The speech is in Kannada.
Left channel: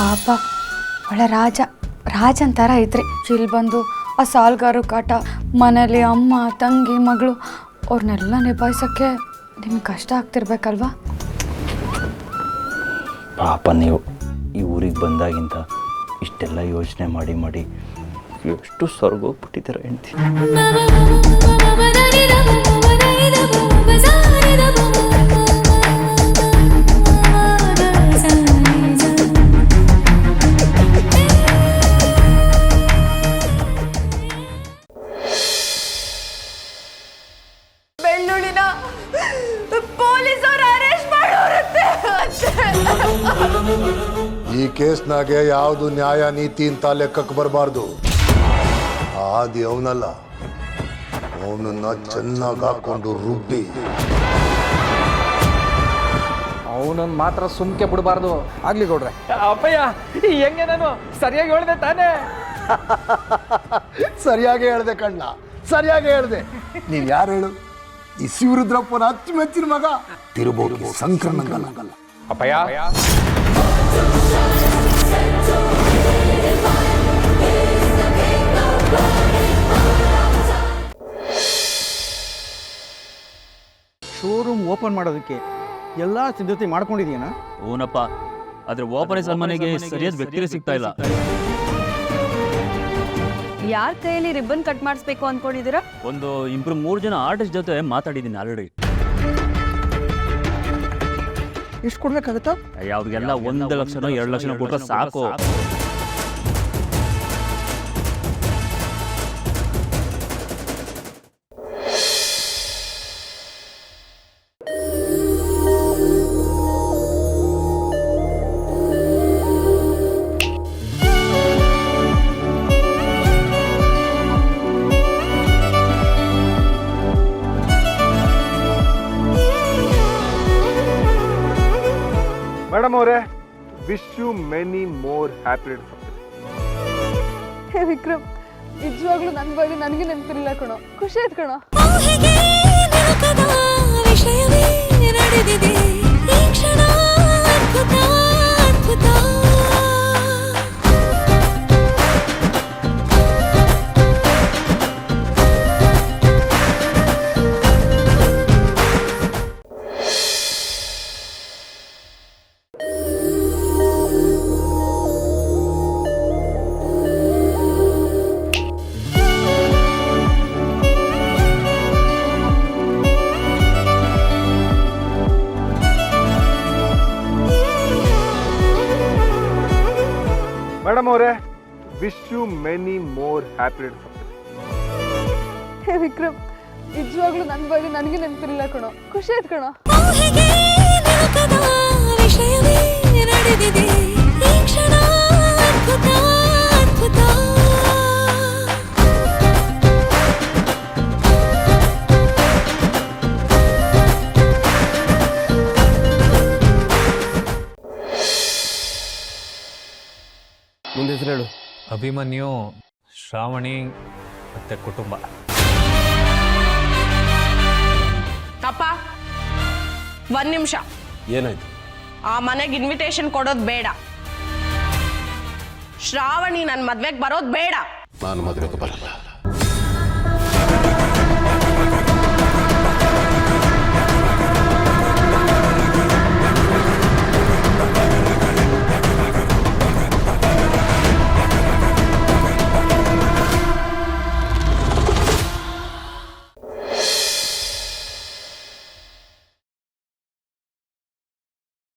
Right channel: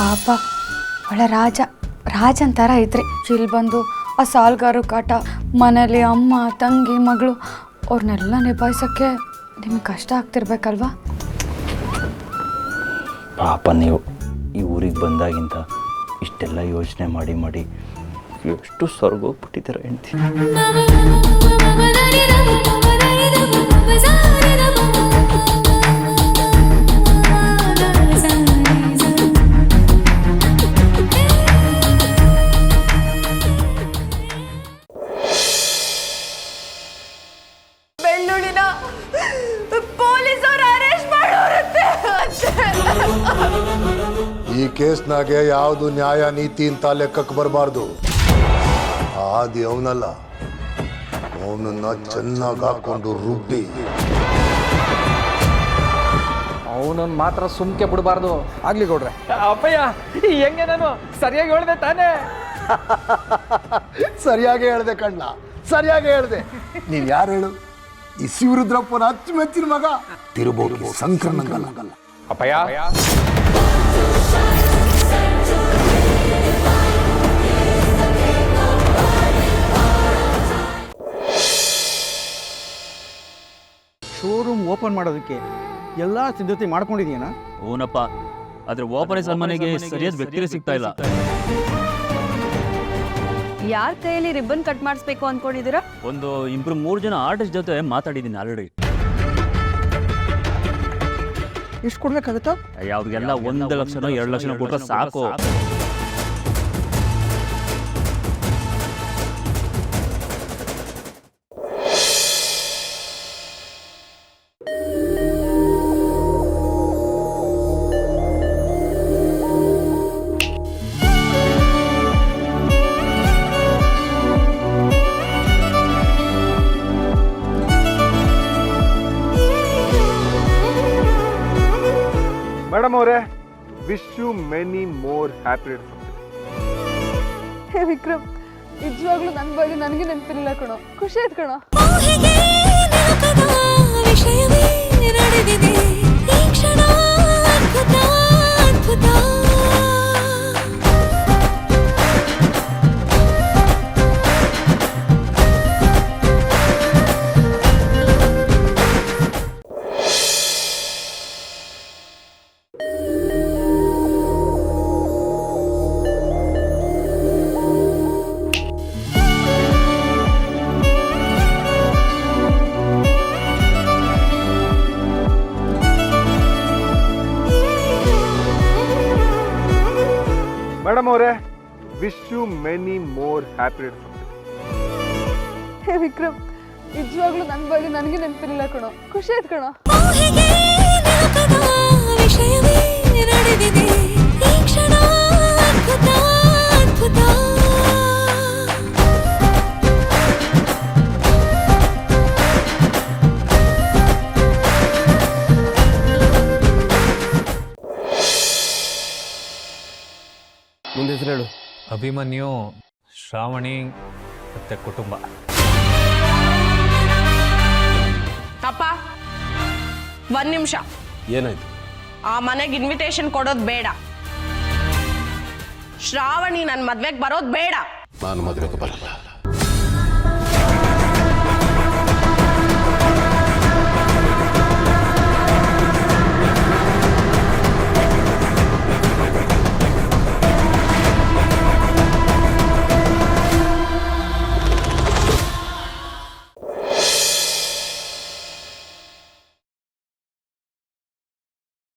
ಪಾಪ ಒಳ್ಳೆ ರಾಜ ಅಂತಾರ ಐತ್ರಿ. ಇಲ್ಲಿ ಬಂದು ಆ ಸಾಲ್ಗಾರು ಕಾಟ, ಮನೇಲಿ ಅಮ್ಮ ತಂಗಿ ಮಗಳು ಅವ್ರನ್ನೆಲ್ಲ ನಿಭಾಯಿಸೋಕ್ಕೆ ನಿಮ್ಗೆ ಕಷ್ಟ ಆಗ್ತಿರ್ಬೇಕಲ್ವಾ? ಪಾಪ ನೀವು ಈ ಊರಿಗೆ ಬಂದಾಗಿಂತ ಇಷ್ಟೆಲ್ಲ ಯೋಚನೆ ಮಾಡಿ ಎಷ್ಟು ಸ್ವರ್ಗೋಗ್ಬಿಟ್ಟಿದ್ದೀರ ಹೆಂಡ್ತಿ. ಬೆಳ್ಳುಳ್ಳಿನ ಪೊಲೀಸರು ಅರೆಸ್ಟ್ ಮಾಡೋರುತ್ತೆ. ಈ ಕೇಸ್ನಾಗೆ ಯಾವುದು ನ್ಯಾಯ ನೀತಿ ಅಂತ ಲೆಕ್ಕಕ್ಕೆ ಬರಬಾರ್ದು. ಆದಿ ಅವನಲ್ಲ, ಅವನನ್ನ ಚೆನ್ನಾಗಿ ಹಾಕೊಂಡು ರುಬ್ಬಿ ಅವನನ್ನು ಮಾತ್ರ ಸುಮ್ಕೆ ಬಿಡಬಾರ್ದು. ಆಗ್ಲಿ ಗೌಡ್ರೆ. ಅಪ್ಪಯ್ಯ ಹೆಂಗೆ ನಾನು ಸರಿಯಾಗಿ ಹೇಳ್ದೆ ತಾನೇ? ಸರಿಯಾಗಿ ಹೇಳ್ದೆ ಕಣ್ಣ, ಸರಿಯಾಗಿ ಹೇಳ್ದೆ. ನೀನ್ ಯಾರು ಹೇಳು? ಈ ಶಿವರುದ್ರಪ್ಪನ ಅಚ್ಚುಮೆಚ್ಚಿನ ಮಗ ತಿರುಬೋಗಿ ಸಂಕ್ರಮಣಗಲ್ಲ. ಅಪ್ಪಯ್ಯ ಶೋರೂಮ್ ಓಪನ್ ಮಾಡೋದಕ್ಕೆ ಎಲ್ಲ ಸಿದ್ಧತೆ ಮಾಡ್ಕೊಂಡಿದೀಯನ? ಓನಪ್ಪ, ಆದ್ರೆ ಓಪರೇಷನ್ ಮನೆಗೆ ಸರಿಯಾದ ವ್ಯಕ್ತಿಗೆ ಸಿಗ್ತಾ ಇಲ್ಲ. ಯಾರ ಕೈಯಲ್ಲಿ ರಿಬ್ಬನ್ ಕಟ್ ಮಾಡಿಸ್ಬೇಕು ಅನ್ಕೊಂಡಿದ್ದೀರಾ? ಒಂದು 3 ಜನ ಆರ್ಟಿಸ್ಟ್ ಜೊತೆ ಮಾತಾಡಿದ್ದೀನಿ ಆಲ್ರೆಡಿ. ಎಷ್ಟು ಕೊಡ್ಬೇಕಾಗತ್ತಾ? ಅವ್ರಿಗೆಲ್ಲ 1 ಲಕ್ಷನೋ 2 ಲಕ್ಷನೋ ಕೊಟ್ರೆ ಸಾಕು. ಮೇಡಮ್ ಅವರೇ, wish you many more happy returns of the day. Vikram, ನಿಜವಾಗ್ಲೂ ನನ್ನ ಬಗ್ಗೆ ನನಗೆ ನೆನಪಿಲ್ಲ ಕಣೋ. ಖುಷಿ ಆಯ್ತು ಕಣೋ. ವಿಷಯವೇ ನಡೆದಿದೆ ಈ ಕ್ಷಣ, ಅದ್ಭುತ ಅದ್ಭುತ. ಮೇಡಮ್ ಅವರೇ, wish you many more happy returns of the day. Vikram, ನಿಜವಾಗ್ಲೂ ನನ್ನ ಬಗ್ಗೆ ನನಗೆ ನೆನಪಿಲ್ಲ ಕಣೋ. ಖುಷಿ ಆಯ್ತು ಕಣೋ. ವಿಷಯವೇ ನಡೆದಿದೆ ಈ ಕ್ಷಣ, ಅದ್ಭುತ ಅದ್ಭುತ. ಮುಂದೆ ಹೆಸರು ಹೇಳು. ಅಭಿಮನ್ಯು, ಶ್ರಾವಣಿ ಮತ್ತೆ ಕುಟುಂಬ. ಅಪ್ಪ, 1 ನಿಮಿಷ. ಏನಾಯ್ತು? ಆ ಮನೆಗೆ ಇನ್ವಿಟೇಷನ್ ಕೊಡೋದು ಬೇಡ. ಶ್ರಾವಣಿ ನನ್ನ ಮದ್ವೆಗೆ ಬರೋದು ಬೇಡ. ನಾನು ಮದುವೆಗೆ ಬರಲ್ಲ.